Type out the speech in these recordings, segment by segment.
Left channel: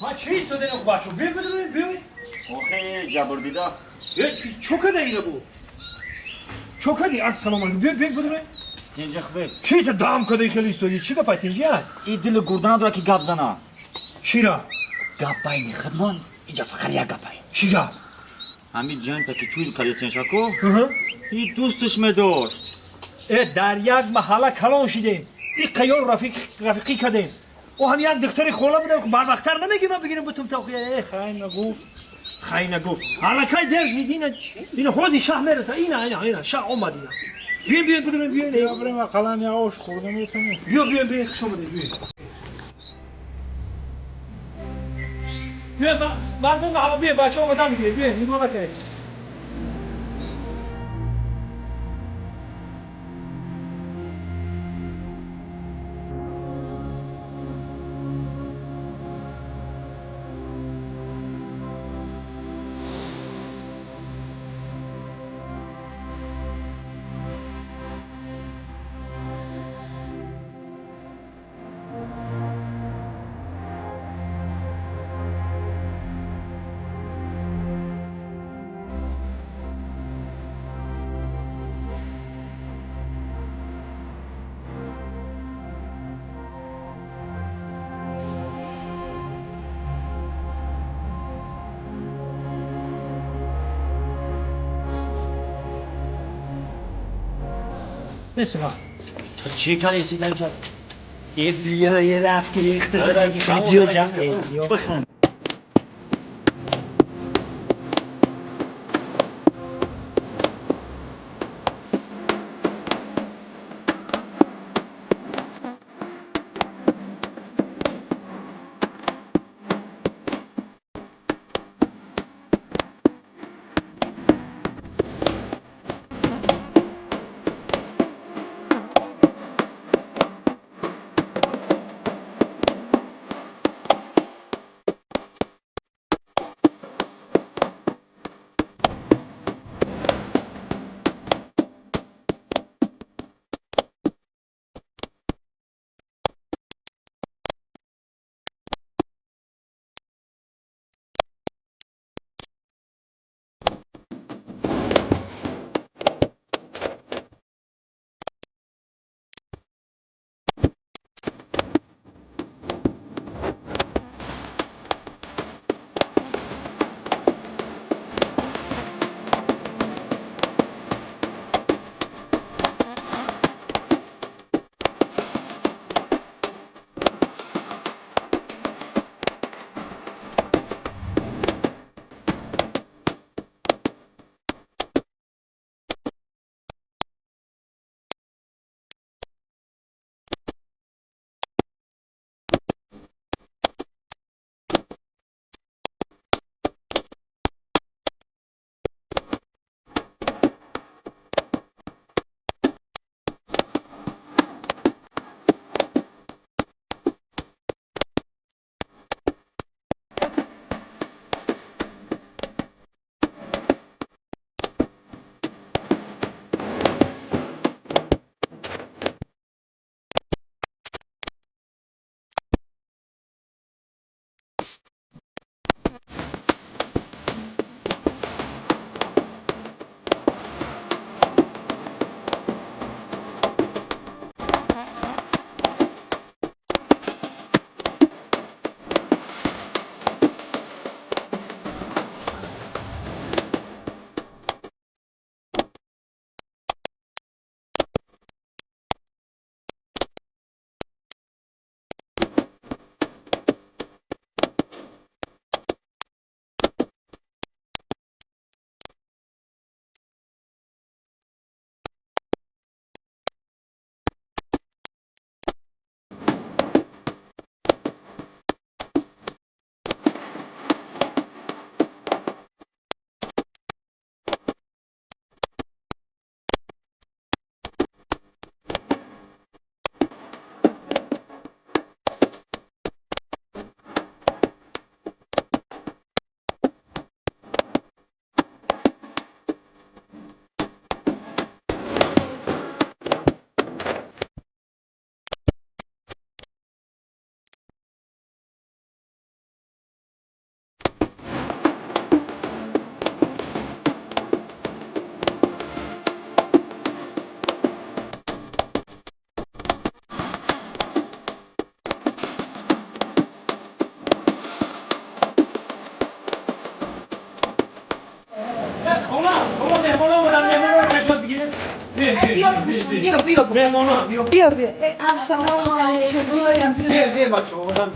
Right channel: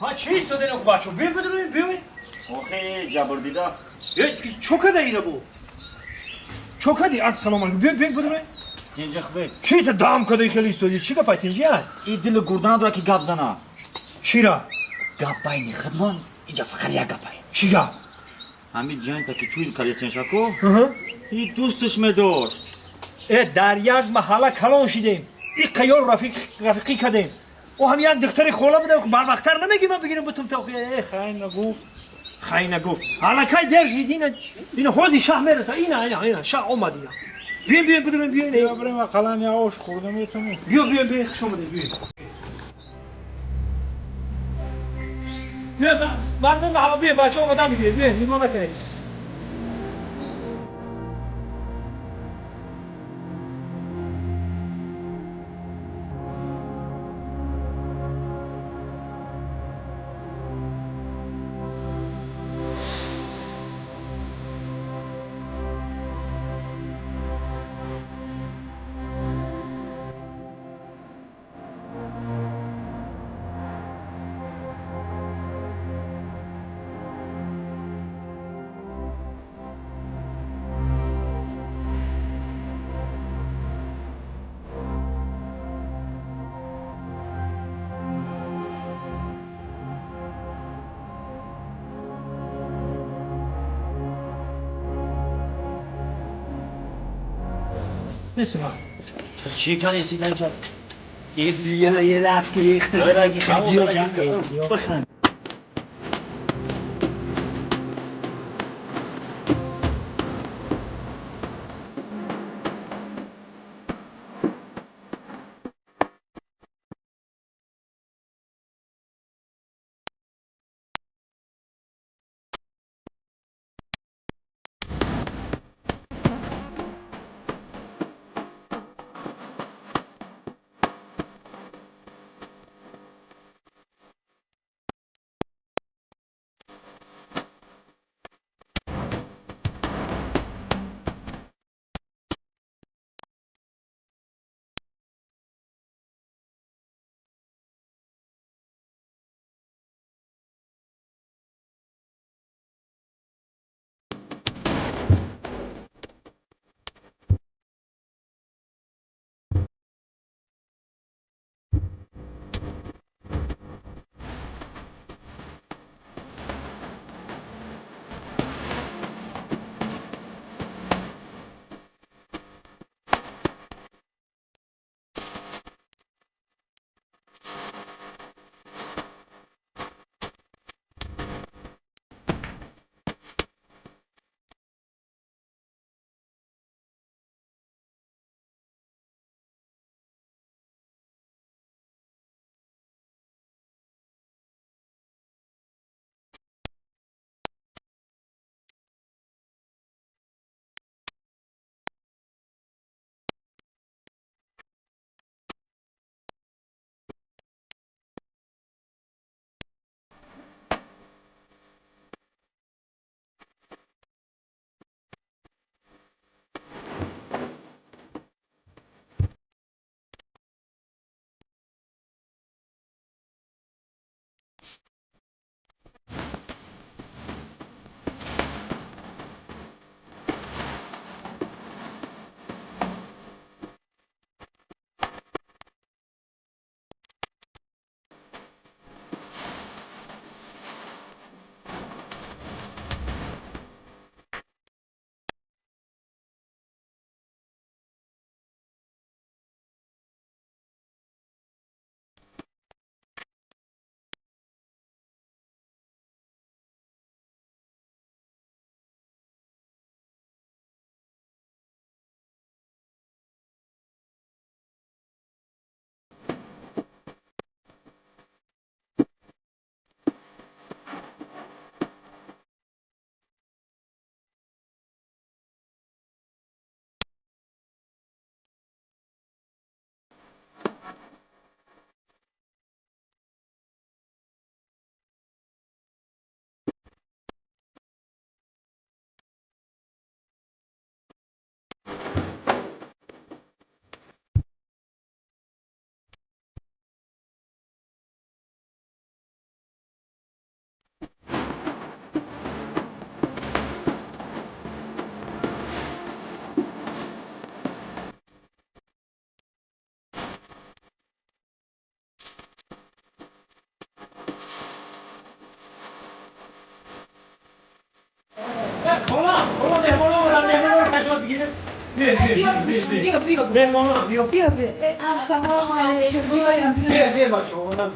ها چیست تو دنو بچه بیا بدون بیا آخه جبر دیدا چوکه دیره بو چوکه دی السلام علیکم بیا بدون اینجا خوبه چی تو دام کدی خیلی استودی چی گپای تینجی این دل گردن داره که گپ زنه چی را گپ باینی خدمان اینجا فقط یک گپای چی گپ همین جان تا که توی کلیسین شکو این دوستش داشت در یک محله کلان شدیم این قیار رفیقی کردیم و هم یک دختری خوله بودم بر وقتر نمیگی من بگیرم بتون تا خیلی نگفت حالا که در شدین این خودی شاه میرسه اینا شاه اومد اینا بیا بدون بیا بریم قلم یا آش خوردم میتونی بیا شما بیا مردم هوا بیا بچه اومدن بیا نگاه نکنید بسیار تو چی کلیسی نجات یه رفت که اختصار خیلی بیو جمع بخند بیا مهمانا بیا بیا سلام علیکم بیا بچه ها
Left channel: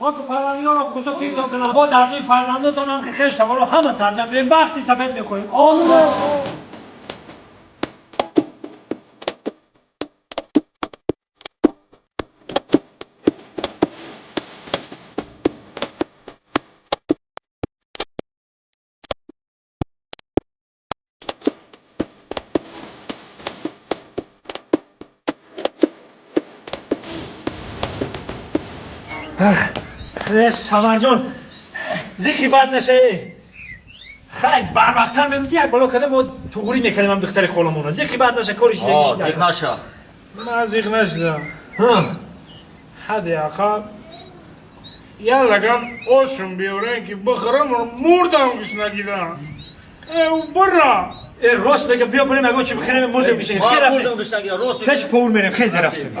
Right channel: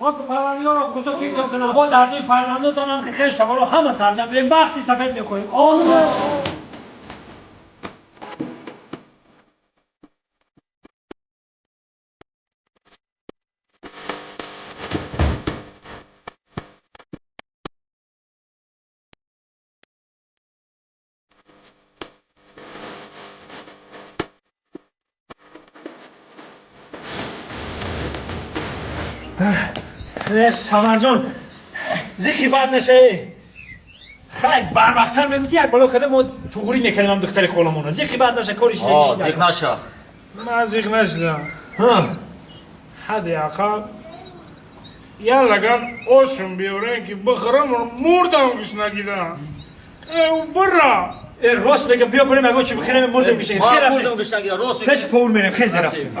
ما تو فرمانیان رو کجا پیدا کنم با درجه فرمانده دانم که خیش تقالو همه سرجم بریم وقتی سفید میخواییم آنه سمر جان زیخی بد نشه خیلی بر وقتر میبودی یک بالا کده ما توغوری میکنیم هم دختر خالمونه زیخی بد نشه کارش زیخ نشه من زیخ نشدم حدی آقا یا لگم آشون بیاره که بخرم رو مردم کش نگیدم او برا راست بگم بیا بریم اگه چی بخیرم مردم میشه خیلی رفتیم مردم کش نگیدم راست پیش پور میریم خیلی رفتیم